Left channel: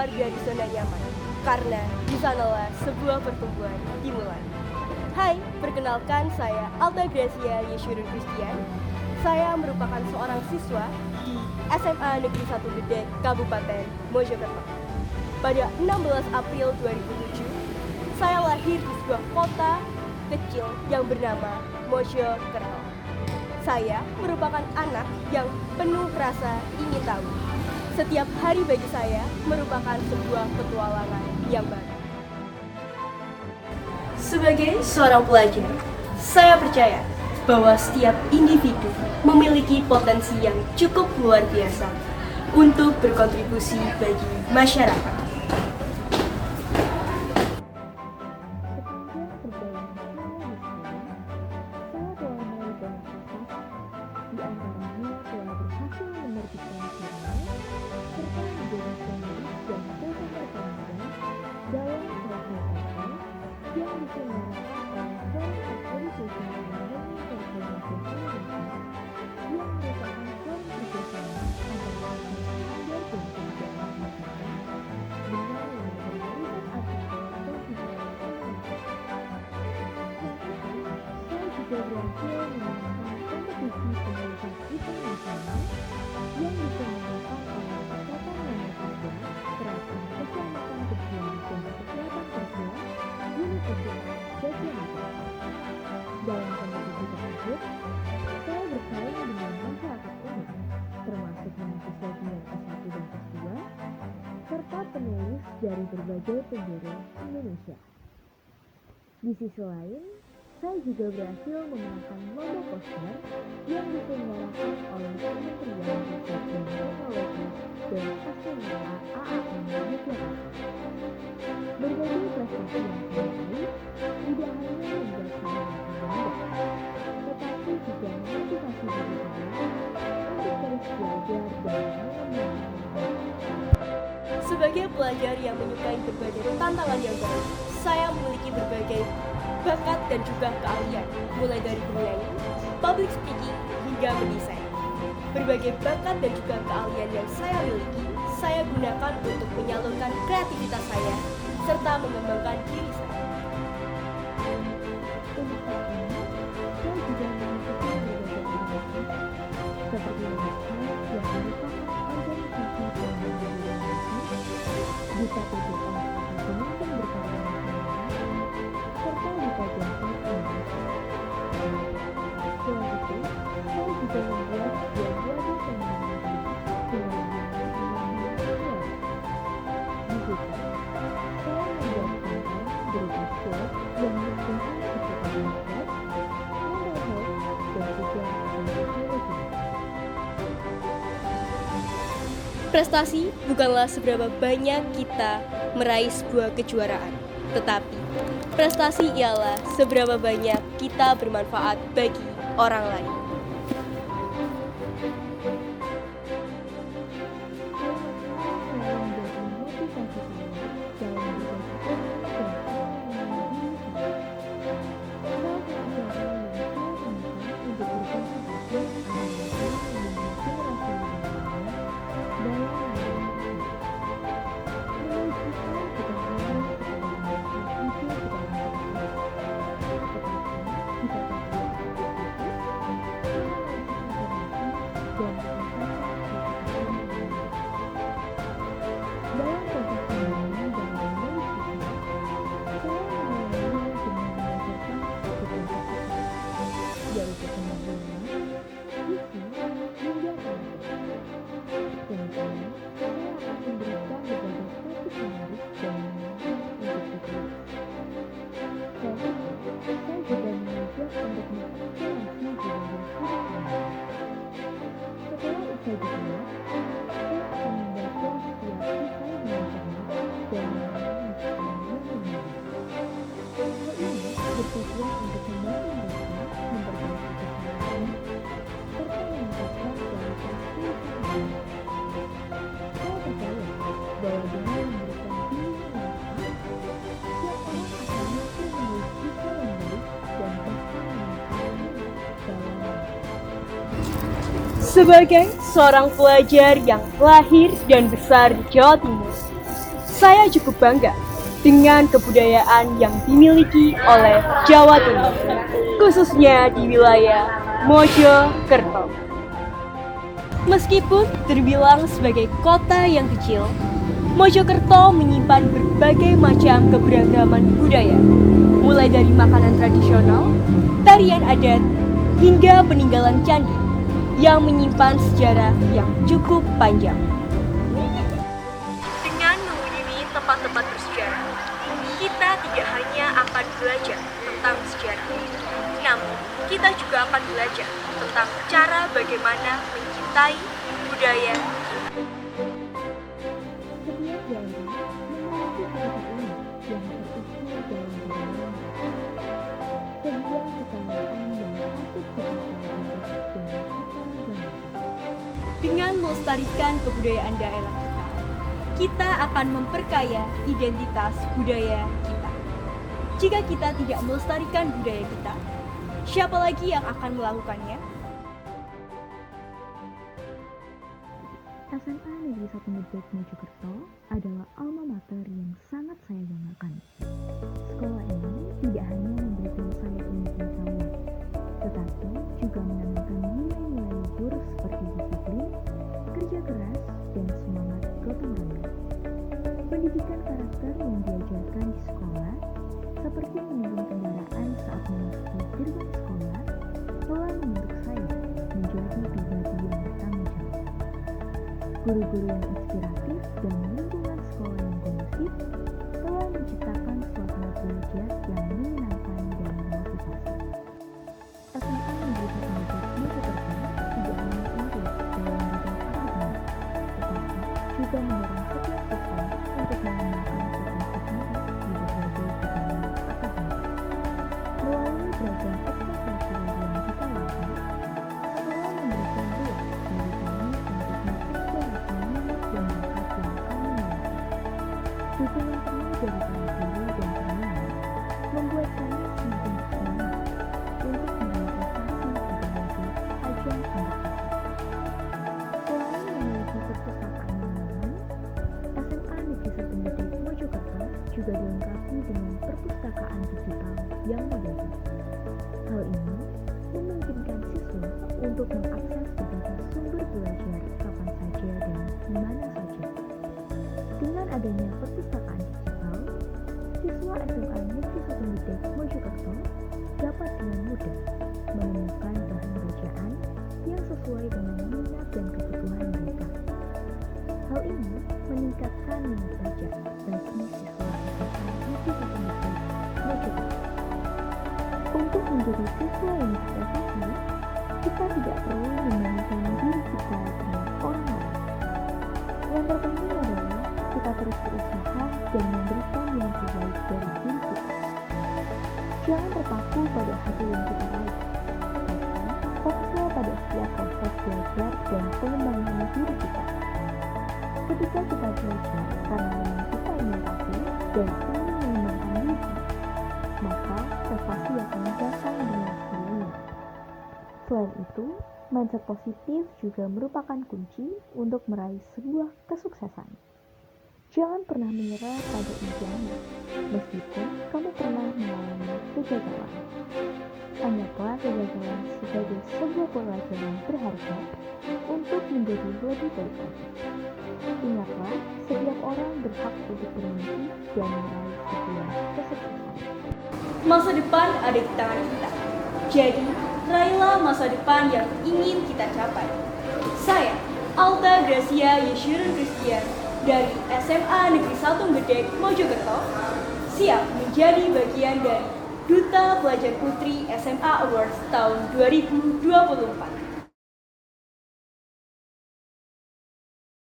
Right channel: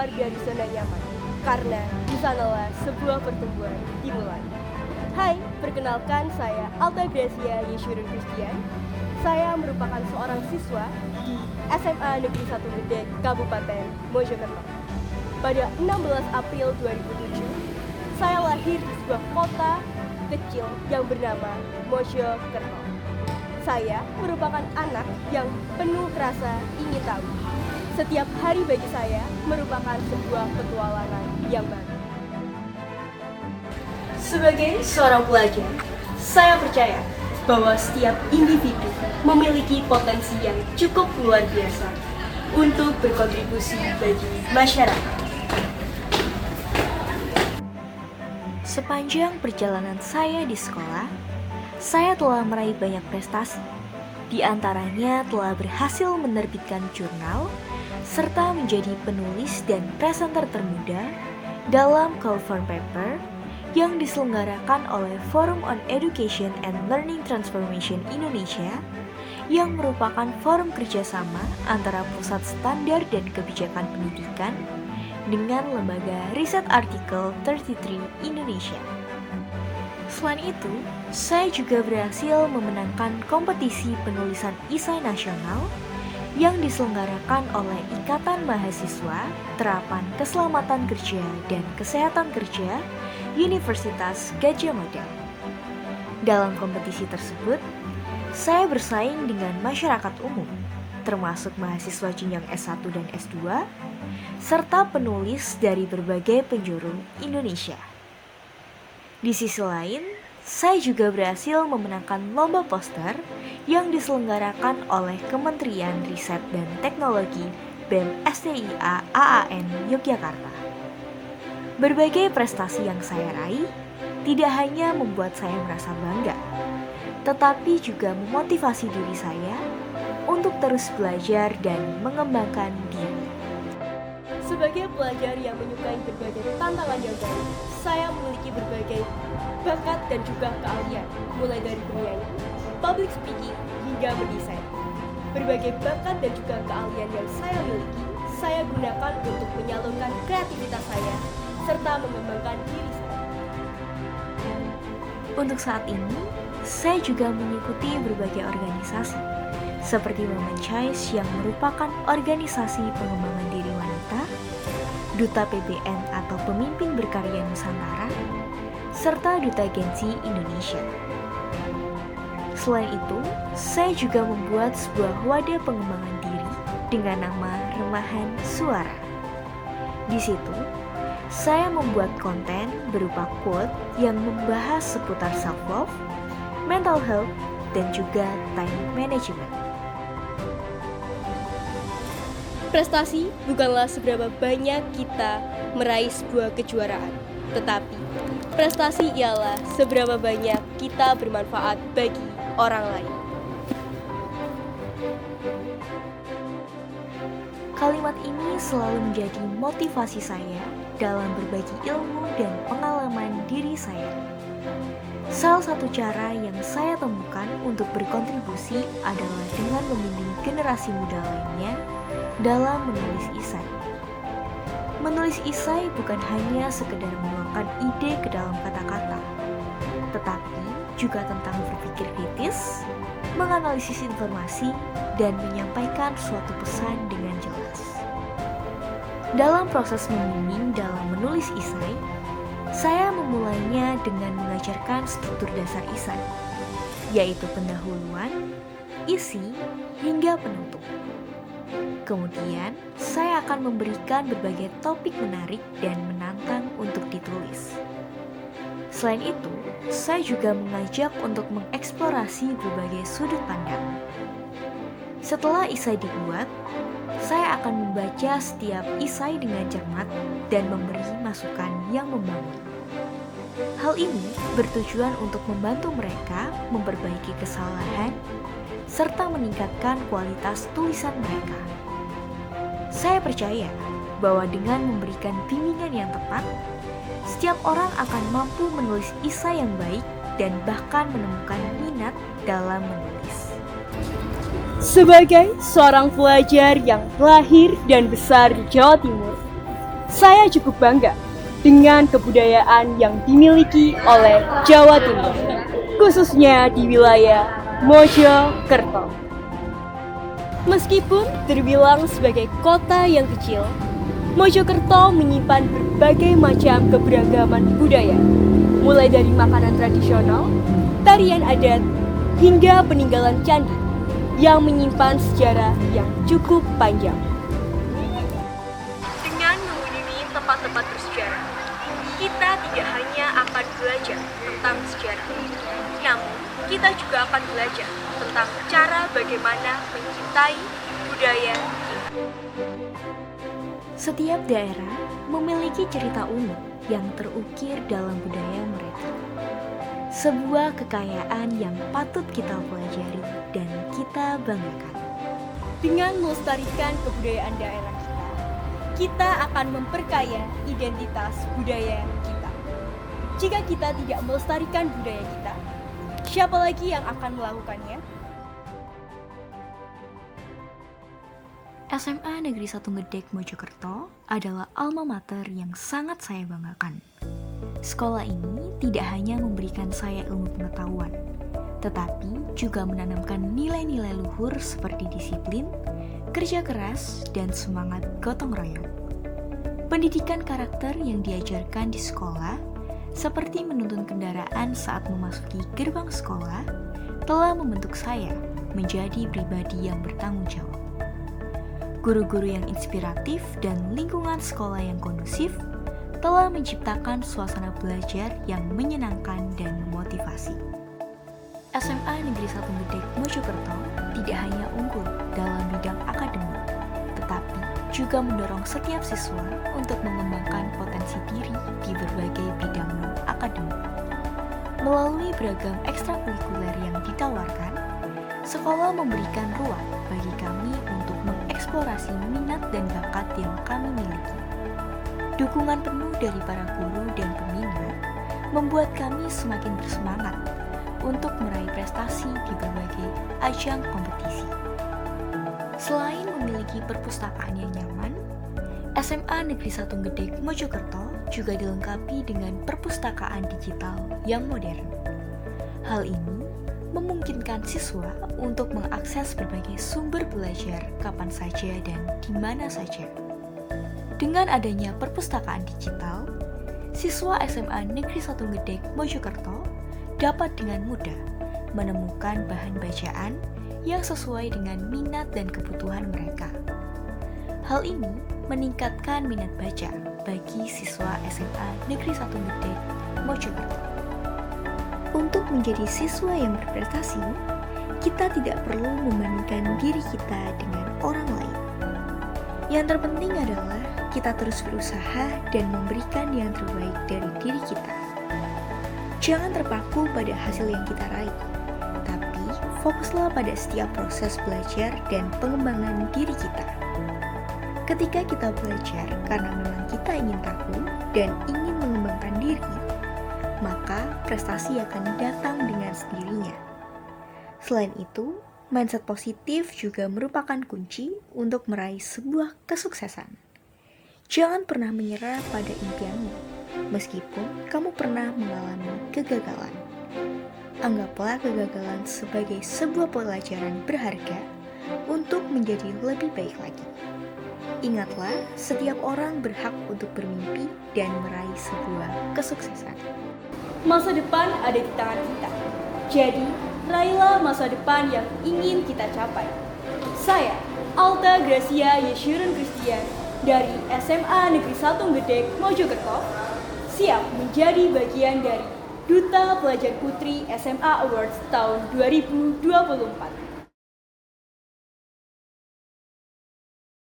keluar dari zona nyaman, karena di sanalah sebuah pertumbuhan dimulai. Hai, perkenalkan saya Alta Gracia Yeshurun Christian. Saya merupakan seorang siswa di SMA Negeri 1 Gede, Kabupaten Mojokerto. Pada 16 April 2007, saya lahir di sebuah kota kecil yang bernama Mojokerto. Saya merupakan anak yang penuh rasa ingin tahu. Setiap hari bagi saya merupakan sebuah petualangan yang baru. Sebagai seorang pelajar, saya percaya bahwa setiap individu memiliki potensi yang cukup luar biasa untuk berkontribusi bagi masyarakat. Sepanjang perjalanan saya di sekolah, saya telah meraih banyak prestasi. Di antaranya telah berhasil menerbitkan jurnal, serta menjadi penulis dan presenter termuda dalam Call for Paper yang diselenggarakan oleh Forum on Education and Learning Transformation Indonesia, yang merupakan forum kerjasama antara Pusat Standar dan Kebijakan Pendidikan dengan Lembaga Riset Artikel 33 Indonesia. Selain itu, saya juga berhasil memenangkan kompetisi penulisan esai nasional yang diselenggarakan oleh Ikatan Mahasiswa Terapan Keselamatan Kerja dan Kesehatan Kerja Universitas Gadjah Mada. Dalam kompetisi tersebut, saya bersaing dengan masyarakat umum, termasuk mahasiswa jenjang S1 dan S2, serta penulis dari berbagai penjuru Indonesia. Di sisi lain, saya juga berhasil memenangkan lomba poster yang diselenggarakan oleh Kementerian Riset dan Teknologi BEM STIA AAN Yogyakarta. Berbagai prestasi yang saya raih tidak hanya membuat saya merasa bangga, tetapi juga memotivasi diri saya untuk terus belajar dan mengembangkan diri. Sebagai pelajar yang menyukai berbagai tantangan yang baru, saya memiliki berbagai bakat dan juga keahlian, mulai dari bernyanyi, public speaking, hingga mendesain. Berbagai bakat dan juga keahlian yang saya miliki, saya gunakan untuk menyalurkan kreativitas saya, serta mengembangkan diri saya. Untuk saat ini, saya juga mengikuti berbagai organisasi, seperti Women Choice yang merupakan organisasi pengembangan diri wanita, Duta PBN atau Pemimpin Berkarya Nusantara, serta Duta Gensi Indonesia. Selain itu, saya juga membuat sebuah wadah pengembangan diri dengan nama Remahan Suara. Di situ, saya membuat konten berupa quote yang membahas seputar self-love, mental health, dan juga time management. Prestasi bukanlah seberapa banyak kita meraih sebuah kejuaraan, tetapi prestasi ialah seberapa banyak kita bermanfaat bagi orang lain. Kalimat ini selalu menjadi motivasi saya dalam berbagi ilmu dan pengalaman diri saya. Salah satu cara yang saya temukan untuk berkontribusi adalah dengan membimbing generasi muda lainnya dalam menulis esai. Menulis esai bukan hanya sekedar menuangkan ide ke dalam kata-kata, tetapi juga tentang berpikir kritis, menganalisis informasi, dan menyampaikan suatu pesan dengan jelas. Dalam proses membimbing dalam menulis esai, saya memulainya dengan mengajarkan struktur dasar esai, yaitu pendahuluan, isi, hingga penutup. Kemudian, saya akan memberikan berbagai topik menarik dan menantang untuk ditulis. Selain itu, saya juga mengajak untuk mengeksplorasi berbagai sudut pandang. Setelah esai dibuat, saya akan membaca setiap esai dengan cermat dan memberi masukan yang membangun. Hal ini bertujuan untuk membantu mereka memperbaiki kesalahan serta meningkatkan kualitas tulisan mereka. Saya percaya bahwa dengan memberikan bimbingan yang tepat, setiap orang akan mampu menulis esai yang baik dan bahkan menemukan minat dalam menulis. Sebagai seorang pelajar yang lahir dan besar di Jawa Timur, Saya cukup bangga dengan kebudayaan yang dimiliki oleh Jawa Timur, khususnya di wilayah Mojokerto. Meskipun terbilang sebagai kota yang kecil, Mojokerto menyimpan berbagai macam keberagaman budaya, mulai dari makanan tradisional, tarian adat, hingga peninggalan candi yang menyimpan sejarah yang cukup panjang. Dengan mengunjungi tempat-tempat bersejarah, kita tidak hanya akan belajar tentang sejarah, namun kita juga akan belajar tentang cara bagaimana mencintai budaya kita. Setiap daerah memiliki cerita unik yang terukir dalam budaya mereka. Sebuah kekayaan yang patut kita pelajari dan kita banggakan. Dengan melestarikan kebudayaan daerah kita akan memperkaya identitas budaya kita. Jika kita tidak melestarikan budaya kita, siapa lagi yang akan melakukannya? SMA Negeri 1 Gedek Mojokerto adalah alma mater yang sangat saya banggakan. Sekolah ini tidak hanya memberikan saya ilmu pengetahuan, tetapi juga menanamkan nilai-nilai luhur seperti disiplin, kerja keras, dan semangat gotong royong. Pendidikan karakter yang diajarkan di sekolah, seperti menuntun kendaraan saat memasuki gerbang sekolah, telah membentuk saya menjadi pribadi yang bertanggung jawab. Guru-guru yang inspiratif dan lingkungan sekolah yang kondusif telah menciptakan suasana belajar yang menyenangkan dan memotivasi. SMA Negeri 1 Gedek Mojokerto tidak hanya unggul dalam bidang akademik, tetapi juga mendorong setiap siswa untuk mengembangkan potensi diri di berbagai bidang non-akademik. Melalui beragam ekstrakurikuler yang ditawarkan, sekolah memberikan ruang bagi kami untuk mengeksplorasi minat dan bakat yang kami miliki. Dukungan penuh dari para guru dan pembina membuat kami semakin bersemangat untuk meraih prestasi di berbagai ajang kompetisi. Selain memiliki perpustakaan yang nyaman, SMA Negeri 1 Gedek Mojokerto juga dilengkapi dengan perpustakaan digital yang modern. Hal ini memungkinkan siswa untuk mengakses berbagai sumber belajar kapan saja dan di mana saja. Dengan adanya perpustakaan digital, siswa SMA Negeri 1 Gedek Mojokerto dapat dengan mudah menemukan bahan bacaan yang sesuai dengan minat dan kebutuhan mereka. Hal ini meningkatkan minat baca bagi siswa SMA Negeri 1 Gedek Mojokerto. Untuk menjadi siswa yang berprestasi, kita tidak perlu membandingkan diri kita dengan orang lain. Yang terpenting adalah kita terus berusaha dan memberikan yang terbaik dari diri kita. Jangan terpaku pada hasil yang kita raih, tapi fokuslah pada setiap proses belajar dan pengembangan diri kita. Ketika kita belajar karena memang kita ingin tahu dan ingin mengembangkan diri, maka prestasi akan datang dengan sendirinya. Selain itu, mindset positif juga merupakan kunci untuk meraih sebuah kesuksesan. Jangan pernah menyerah pada impianmu, meskipun kamu pernah mengalami kegagalan. Anggaplah kegagalan sebagai sebuah pelajaran berharga untuk menjadi lebih baik lagi. Ingatlah, setiap orang berhak untuk bermimpi dan meraih sebuah kesuksesan. Masa depan ada di tangan kita. Jadi, raihlah masa depan yang ingin kita capai. Saya, Alta Gracia Yeshurun Christian dari SMA Negeri 1 Gedek Mojokerto, siap menjadi bagian dari Duta Pelajar Putri SMA Awards tahun 2024.